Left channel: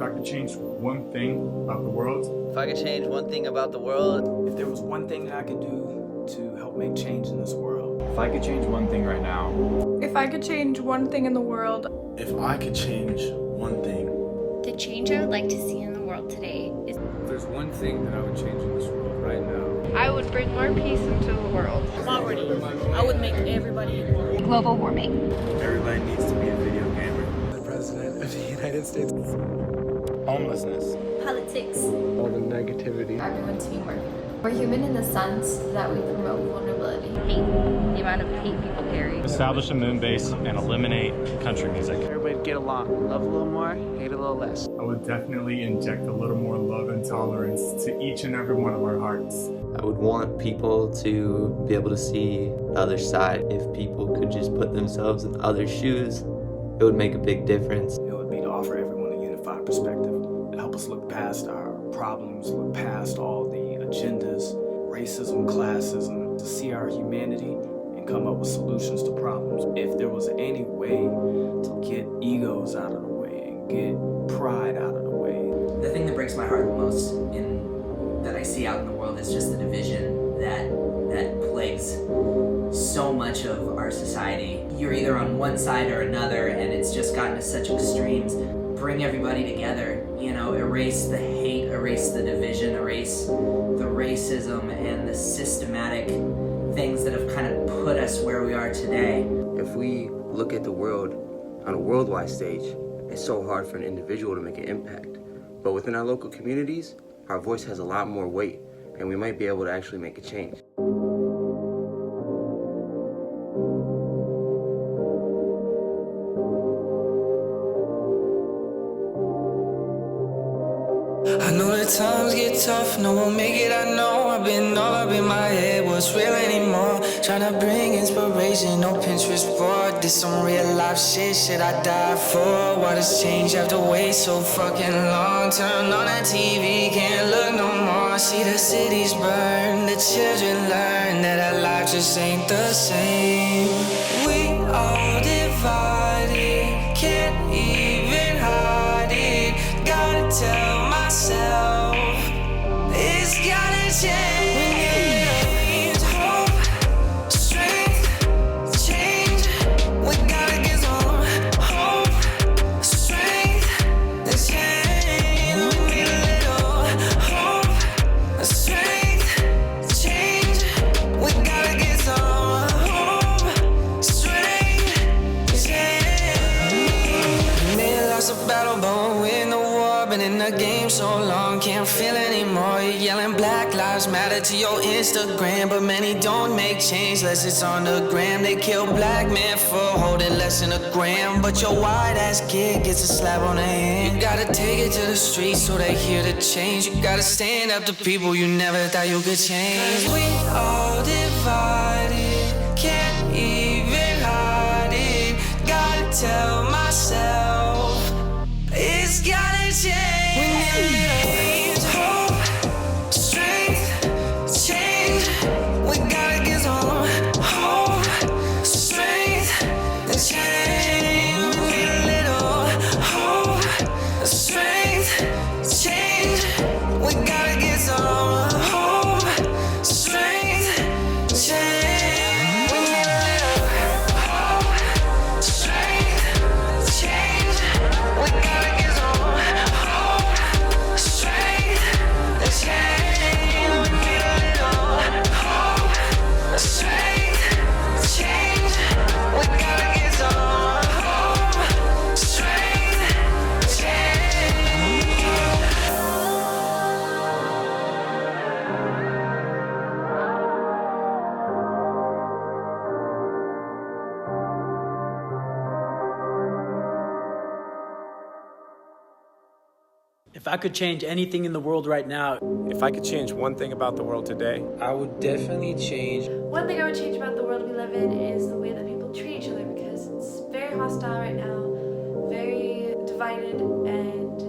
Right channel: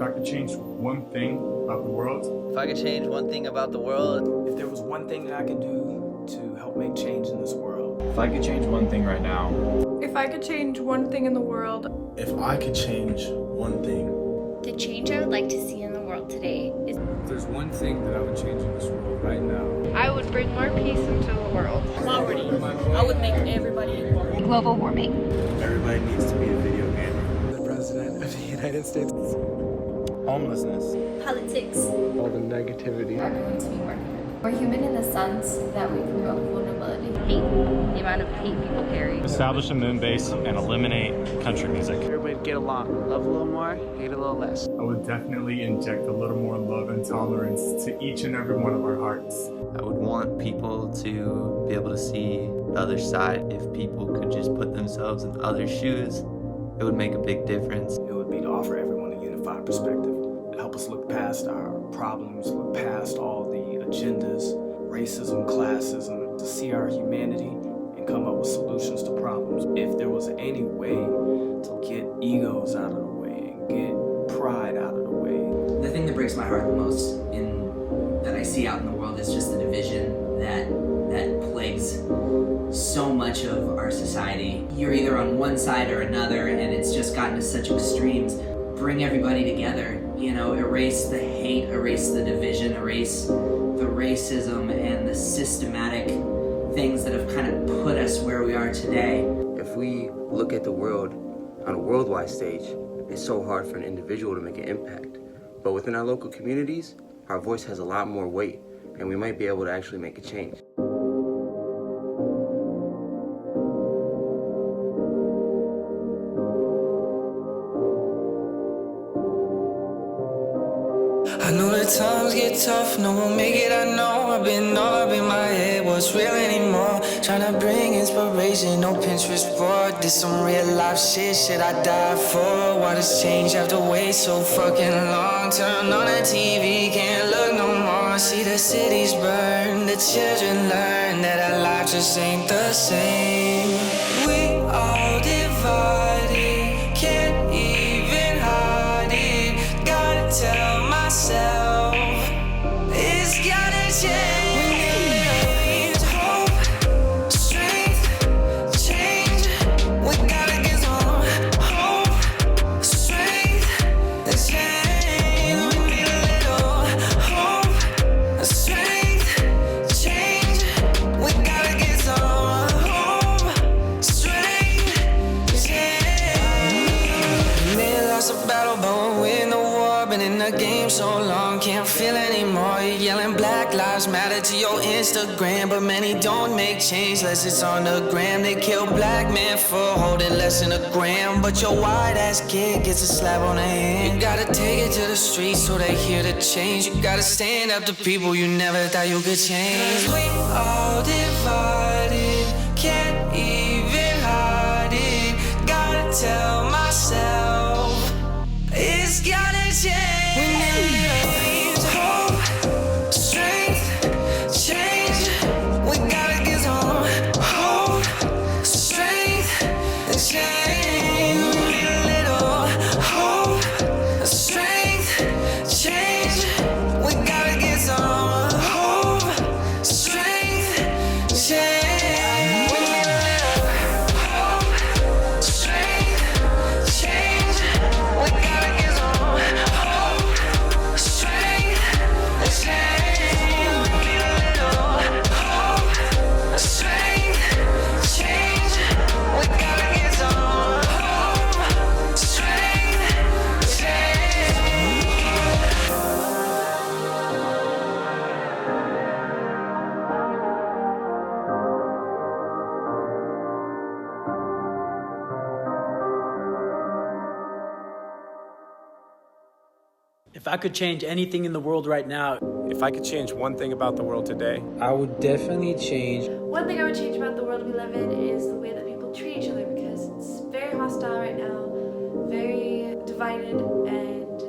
If I could change one thing about the world. If I could change one thing about the world. If there was one thing that I could do to help make change in this world. If I could change one thing right now. If I could change one thing in the world. If I could change one thing. The change I would like to see in the world today is... If there's one thing that I would change in this world right now. I would bring more peace into the world. Poverty. I would make everybody equal. Global warming. Everybody needs to be a video gamer. The President of the United States. Homelessness. Politics. All the negativity. Everyone to be more human. We're human in the sense that we promote vulnerability. Hate. The amount of hate people carry. Establish a moon base and eliminate country music. Everybody get along. Love a little more, hate a little less. I would definitely inject a little more love and tolerance to each and every one of our hearts. I would want people to be able to see the other side. If people could just put themselves in other shoes, it would make a big difference. It would be to offer everyone a unified perspective. Help us look past our problems, look past all the agendas, racism, classism, to see our humanity and come up with solutions to problems. If there was any way to get egos out of the way and get pride out of the way. The thing that breaks my heart the most that I see out in the world is just the division that plagues so much of our society. You're either on one side or another, and it's just gotten to such extremes. Bring everybody together, you know, erase the hate, erase the division, erase the racism and the systematic things that have kind of put us where we are today. If we look at the world on a worldwide stage, it's so hard for an individual to make an impact. But within our local communities, our voice has a lot more weight, and we might be able to actually make a change. I know that times get tough, no one make it, I know. I've been all up in my head, what's real anymore? Tryna bring inspiration, no Pinterest board. Did some real life shit I died for. Why does change have to wait so fucking long? Turn on the TV, can't look no more. See the cities burn, the children learn that our life just ain't the same. We all divided, can't even hide it. Gotta tell myself it's gotta change. We need hope, strength, change. We gotta get some hope, strength, and change. We need a little hope, strength, change. We gotta get some hope, strength, change. May have lost a battle, but we'll win the war. Been in the game so long, can't feel anymore. You're yelling Black Lives Matter to your Instagram, but many don't make change unless it's on the gram. They kill black men for holding less than a gram, but your white ass kid gets a slap on the hand. You gotta take it to the streets so they hear the change. You gotta stand up to people you never thought you could change. We all divided, can't even hide it. Gotta tell myself it's gotta change. We need hope, strength, change. We gotta get some hope, strength, and change. We need a little hope, strength, change. We gotta get some hope, strength, change. We need a little hope, strength, change. We gotta get some If I could change anything in the world right now. If I could change one thing about the world today. I would definitely change. One thing I would change about the world we live in is the way that people treat each other, because it's very hostile right now, very divided, and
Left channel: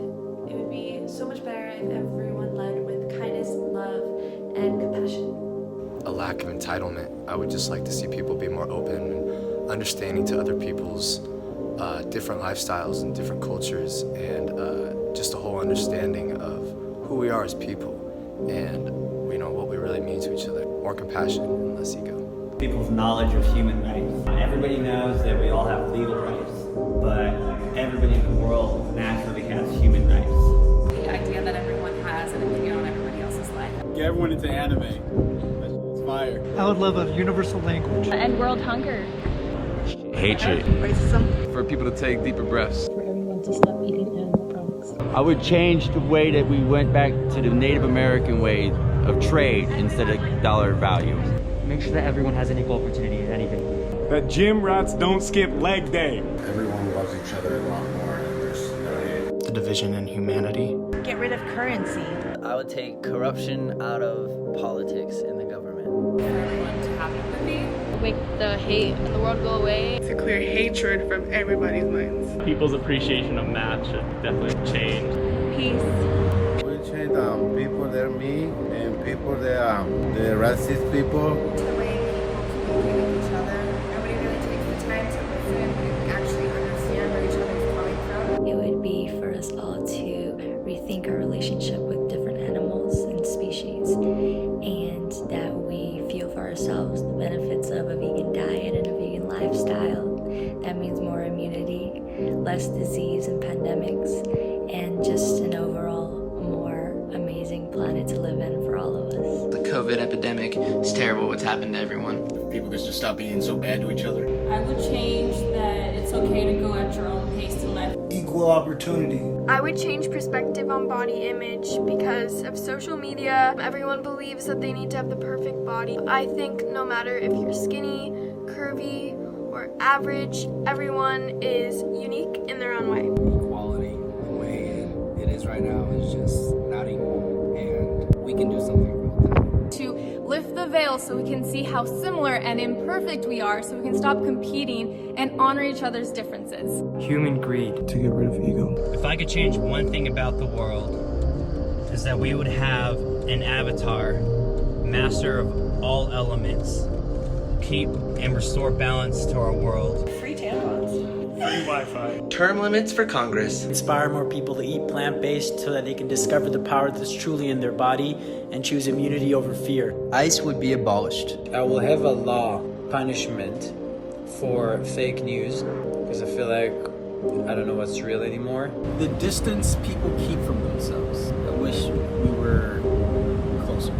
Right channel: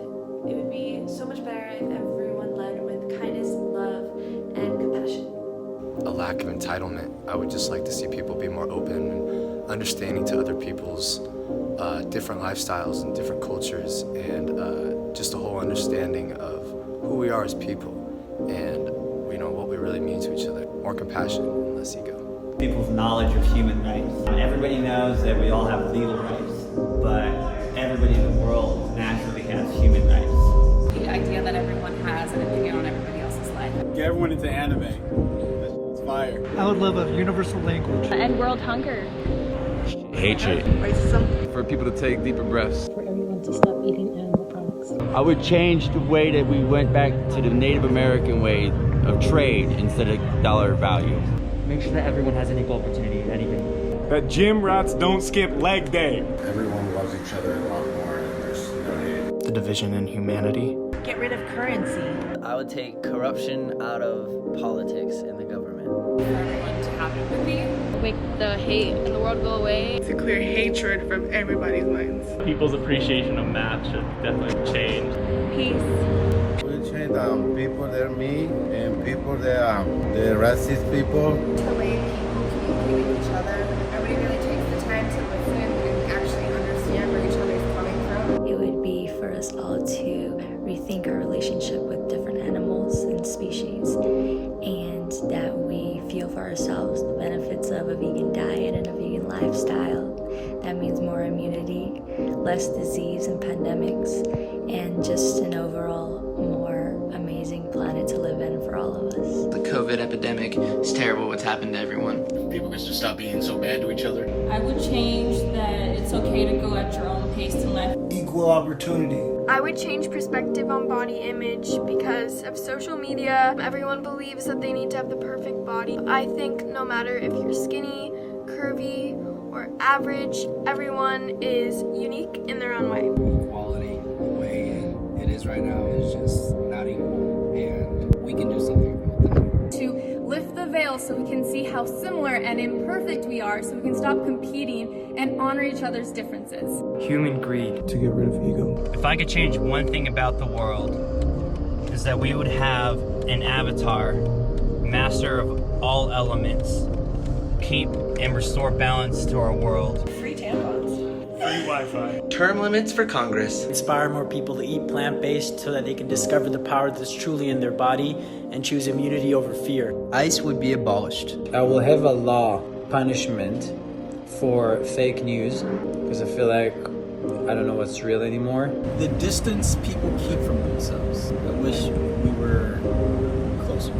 it would be so much better if everyone led with kindness, love, and compassion. A lack of entitlement. I would just like to see people be more open and understanding to other people's different lifestyles and different cultures, and just a whole understanding of who we are as people and, you know, what we really mean to each other. More compassion and less ego. People's knowledge of human rights. Everybody knows that we all have legal rights, but everybody in the world naturally has human rights. The idea that everyone has an opinion on everybody else's life. Get everyone into anime. It's fire. I would love a universal language. End world hunger. Hatred. Racism. For people to take deeper breaths. For everyone to stop eating animal products. I would change the way that we went back to the Native American way of trade instead of dollar value. Make sure that everyone has an equal opportunity in anything. That gym rats don't skip leg day. Everyone loves each other a lot more and there's no hate. The division in humanity. Get rid of currency. I would take corruption out of politics in the government. For everyone to have empathy. Make the hate in the world go away. To clear hatred from everybody's minds. People's appreciation of math should definitely change. Peace. We change people that are mean and people that are the racist people. The way people communicate with each other. Nobody really takes the time to listen and actually understand where each other is coming from. It would be for us all to rethink our relationship with different animals and species, and that we feel for ourselves the benefits of a vegan diet and a vegan lifestyle. That means more immunity, less disease and pandemics, and just an overall more amazing planet to live in for all of us. The COVID epidemic is terrible what's happened to everyone. People can just stop being so bad to each other. I would change that it's okay to go at your own pace in life. Equal opportunity. I would change perspective on body image because of social media. Everyone believes that they need to have the perfect body. I think no matter if you're skinny, curvy, or average, everyone is unique in their own way. Equality, the way it is right now, is just not equal, and we can do something about that. To lift the veil so we can see how similar and imperfect we are, so we can stop competing and honor each other's differences. Human greed. To get rid of ego. If I could change one thing about the world, is that we would have an avatar, master of all elements, keep and restore balance to our world. Free tampons. Free Wi-Fi. Term limits for Congress. Inspire more people to eat plant-based so that they can discover the power that's truly in their body and choose immunity over fear. ICE would be abolished. I will have a law punishment for fake news because I feel like I don't know what's real anymore. The distance people keep from themselves. I wish we were closer.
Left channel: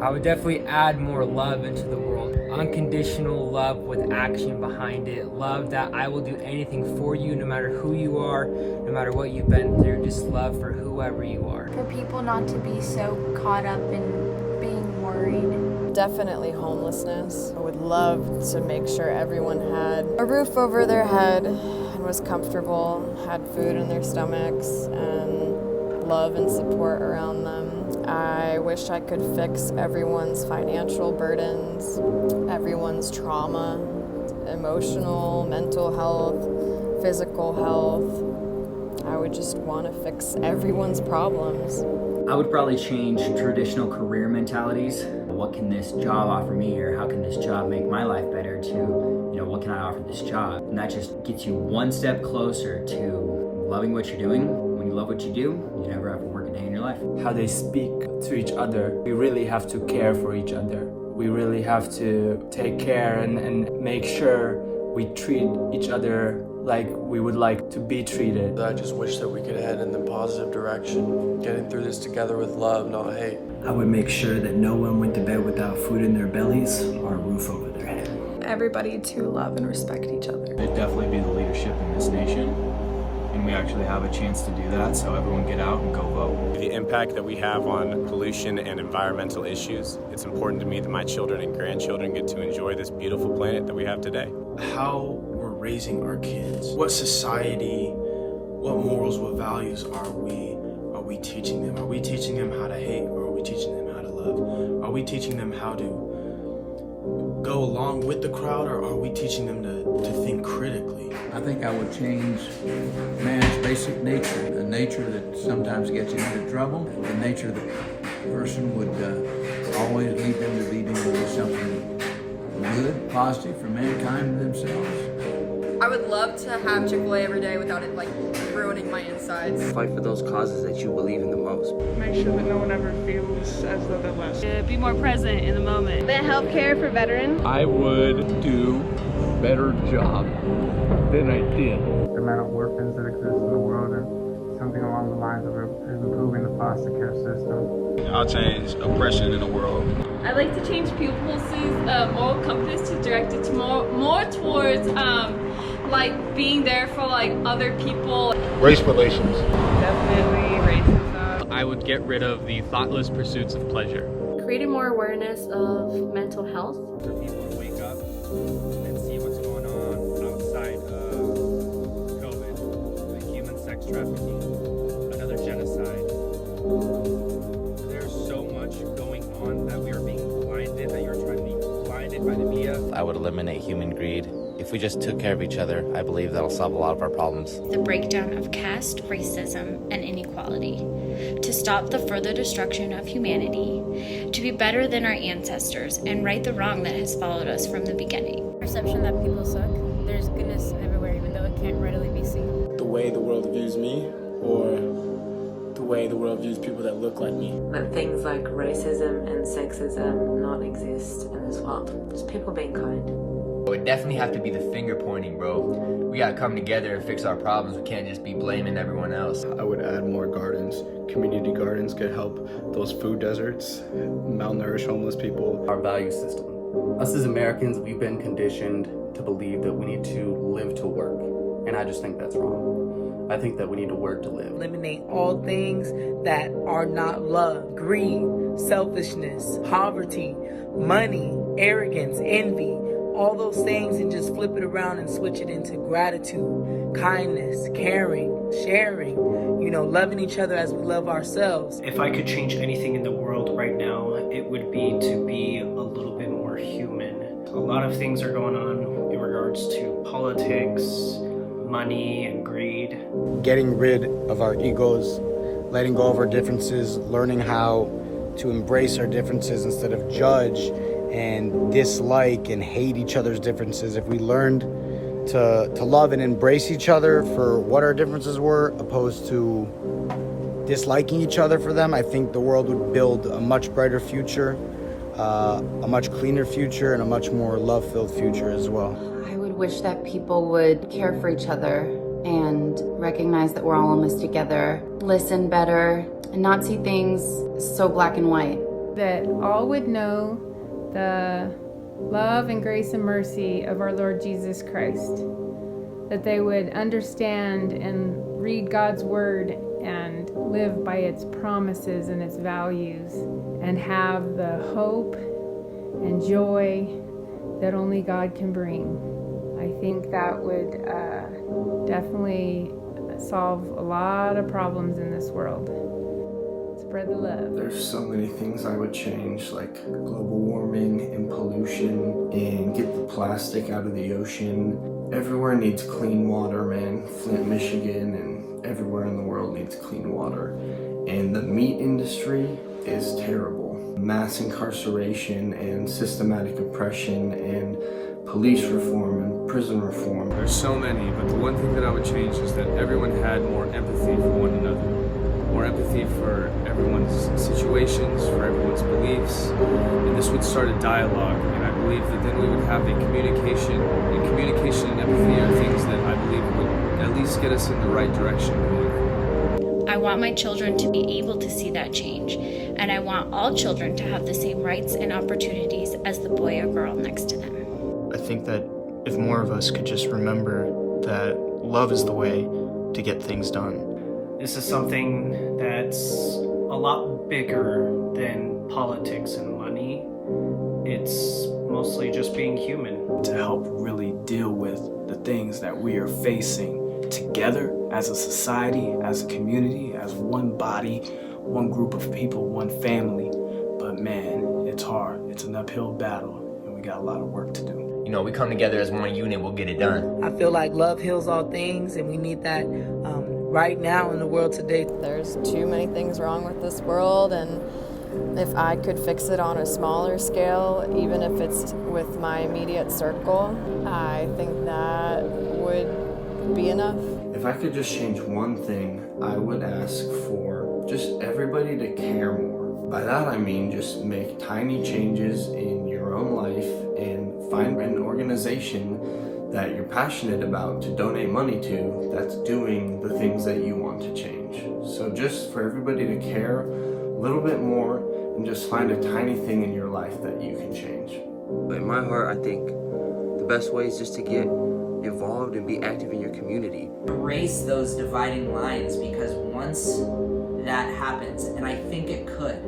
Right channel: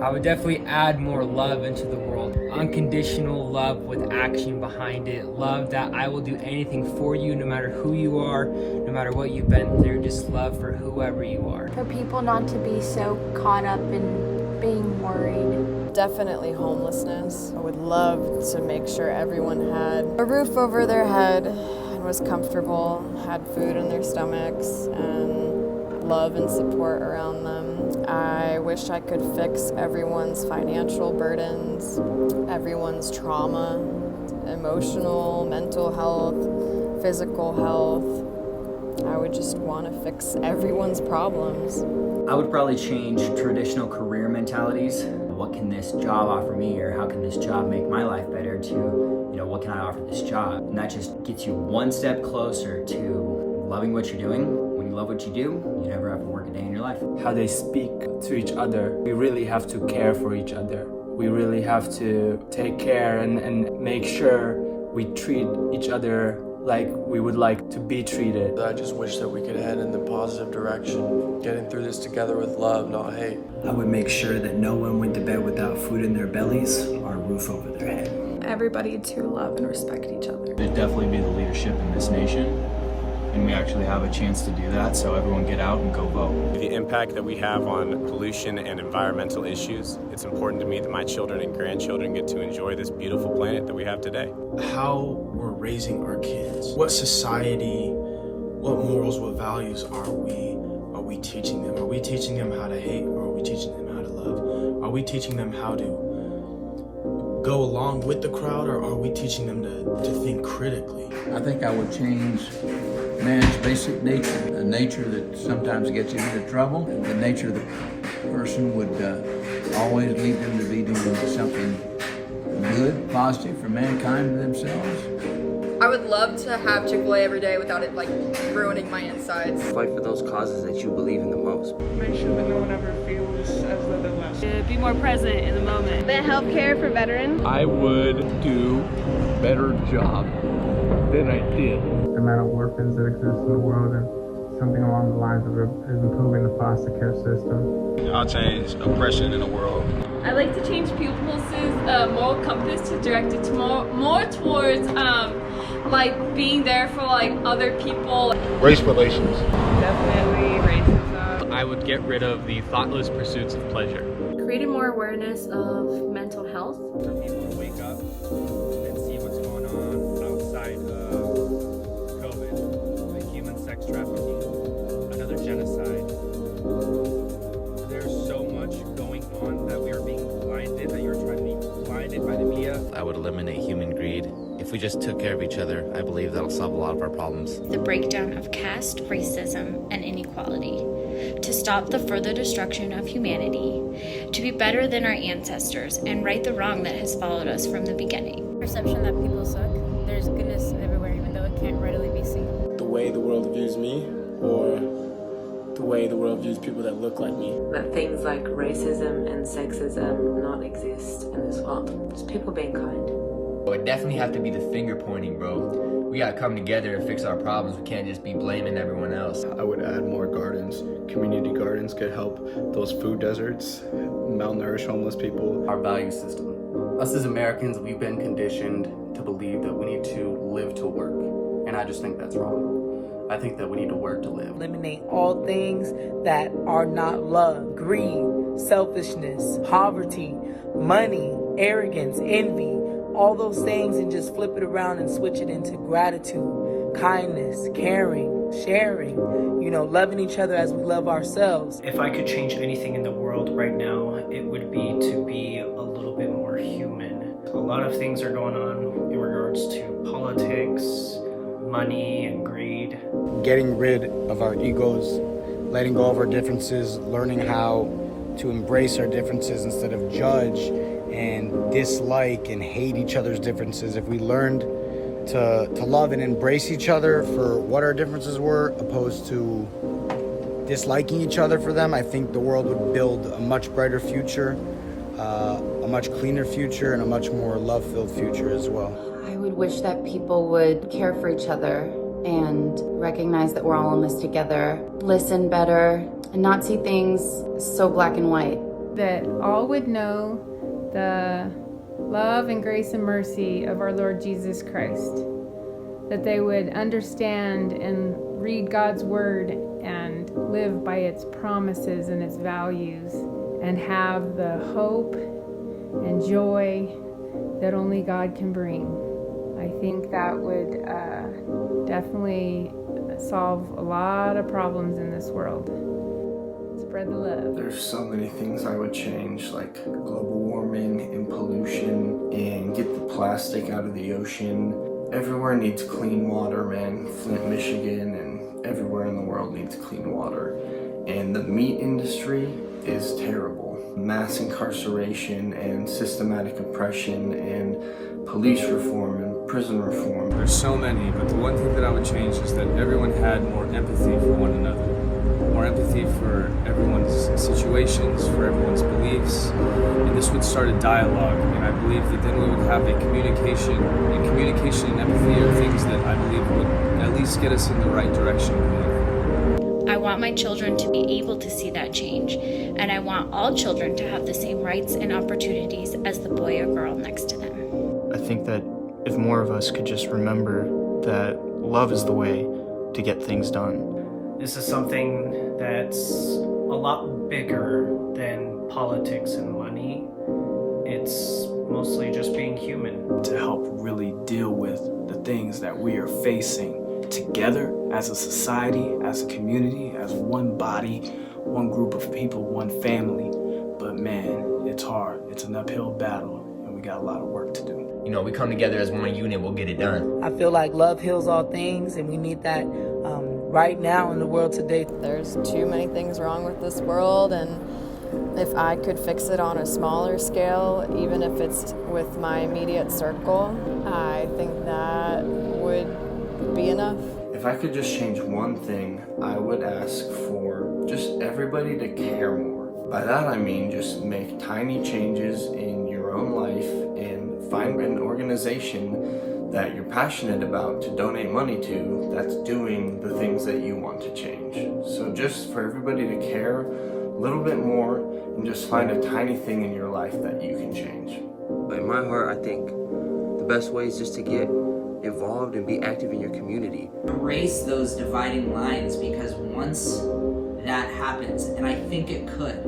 I would definitely add more love into the world. Unconditional love with action behind it. Love that I will do anything for you, no matter who you are, no matter what you've been through. Just love for whoever you are. For people not to be so caught up in being worried. Definitely homelessness. I would love to make sure everyone had a roof over their head and was comfortable, had food in their stomachs, and love and support around them. I wish I could fix everyone's financial burdens, everyone's trauma, emotional, mental health, physical health. I would just want to fix everyone's problems. I would probably change traditional career mentalities. What can this job offer me, or how can this job make my life better, to, what can I offer this job? And that just gets you one step closer to loving what you're doing. When you love what you do, you never have to work a day in your life. How they speak to each other. We really have to care for each other. We really have to take care and make sure we treat each other like we would like to be treated. I just wish that we could head in the positive direction, getting through this together with love, not hate. I would make sure that no one went to bed without food in their bellies or a roof over their head. Everybody to love and respect each other. There'd definitely be the leadership in this nation. And we actually have a chance to do that, so everyone get out and go vote. The impact that we have on pollution and environmental issues, it's important to me that my children and grandchildren get to enjoy this beautiful planet that we have today. How we're raising our kids, what society, what morals, what values are we teaching them? Are we teaching them how to hate, or are we teaching them how to love? Are we teaching them how to go along with the crowd, or are we teaching them to think critically? I think I would change man's basic nature, a nature that sometimes gets him into trouble. The nature of the person would always lead them to be doing something good, positive for mankind and themselves. I would love to have Chick-fil-A every day without it like ruining my insides. Fight for those causes that you believe in the most. Make sure that no one ever feels as though they're less. Be more present in the moment. Invent healthcare for veterans. I would do a better job than I did. The amount of orphans that exist in the world, and something along the lines of improving the foster care system. I'll change oppression in the world. I'd like to change people's moral compass to direct it to more towards like being there for like other people. Race relations. Definitely racism. I would get rid of the thoughtless pursuits of pleasure. Creating more awareness of mental health. For people to wake up and see what's going on outside of COVID, like human sex trafficking, another genocide. There's so much going on that we are being blinded, that you're trying to be blinded by the media. I would eliminate human greed. If we just took care of each other, I believe that'll solve a lot of our problems. The breakdown of caste, racism, and inequality. To stop the further destruction of humanity. To be better than our ancestors and right the wrong that has followed us from the beginning. Perception that people suck. There's goodness everywhere, even though it can't readily be seen. The way the world views me, or the way the world views people that look like me. That things like racism and sexism not exist in this world. Just people being kind. It would definitely have to be the finger pointing, bro. We gotta come together and fix our problems. We can't just be blaming everyone else. I would add more gardens. Community gardens could help those food deserts, malnourished homeless people. Our value system. Us as Americans, we've been conditioned to believe that we need to live to work. And I just think that's wrong. I think that we need to work to live. Eliminate all things that are not love, greed, selfishness, poverty, money, arrogance, envy, all those things, and just flip it around and switch it into gratitude, kindness, caring, sharing, loving each other as we love ourselves. If I could change anything in the world right now, it would be to be a little bit more human. A lot of things are going on in regards to politics, money, and greed. Getting rid of our egos, letting go of our differences, learning how to embrace our differences instead of judge and dislike and hate each other's differences. If we learned to love and embrace each other for what our differences were, opposed to disliking each other for them, I think the world would build a much brighter future, a much cleaner future, and a much more love-filled future as well. I would wish that people would care for each other and recognize that we're all in this together, listen better, and not see things so black and white. That all would know the love and grace and mercy of our Lord Jesus Christ. That they would understand and read God's word and live by its promises and its values, and have the hope and joy that only God can bring. I think that would definitely solve a lot of problems in this world. Spread the love. There's so many things I would change, like global warming and pollution, and get the plastic out of the ocean. Everywhere needs clean water, man. Flint, Michigan, and everywhere in the world needs clean water. And the meat industry is terrible. Mass incarceration and systematic oppression and police reform and prison reform. There's so many, but the one thing that I would change is that everyone had more empathy for one another. More empathy for everyone's situations, for everyone's beliefs, and this would start a dialogue, and I believe that then we would have a communication, and communication and empathy are things that I believe would at least get us in the right direction going forward. I want my children to be able to see that change, and I want all children to have the same rights and opportunities as the boy or girl next to them. I think that if more of us could just remember that love is the way to get things done. This is something that's a lot bigger than politics and money. It's mostly just being human. To help really deal with the things that we are facing together as a society, as a community, as one body, one group of people, one family. But man, it's hard. It's an uphill battle, and we got a lot of work to do. We come together as one unit, we'll get it done. I feel like love heals all things, and we need that right now in the world today. There's too many things wrong with this world, and If I could fix it on a smaller scale, even if it's with my immediate circle, I think that would be enough. If I could just change one thing, I would ask for just everybody to care more. By that I mean just make tiny changes in your own life and find an organization that you're passionate about to donate money to that's doing the things that you want to change. So just for everybody to care a little bit more and just find a tiny thing in your life that you can change. In my heart, I think the best way is just to get involved and be active in your community. Erase those dividing lines, because once that happens, and I think it could,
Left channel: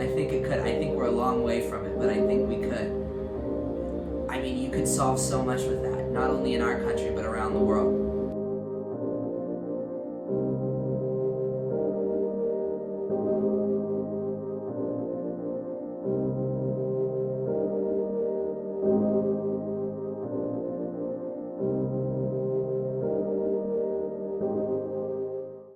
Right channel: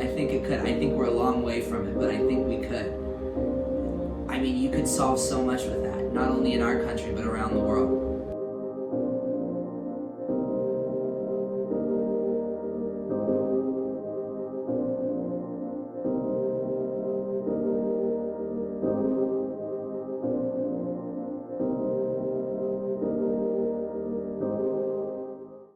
I think we're a long way from it, but I think we could. I mean, you could solve so much with that, not only in our country, but around the world.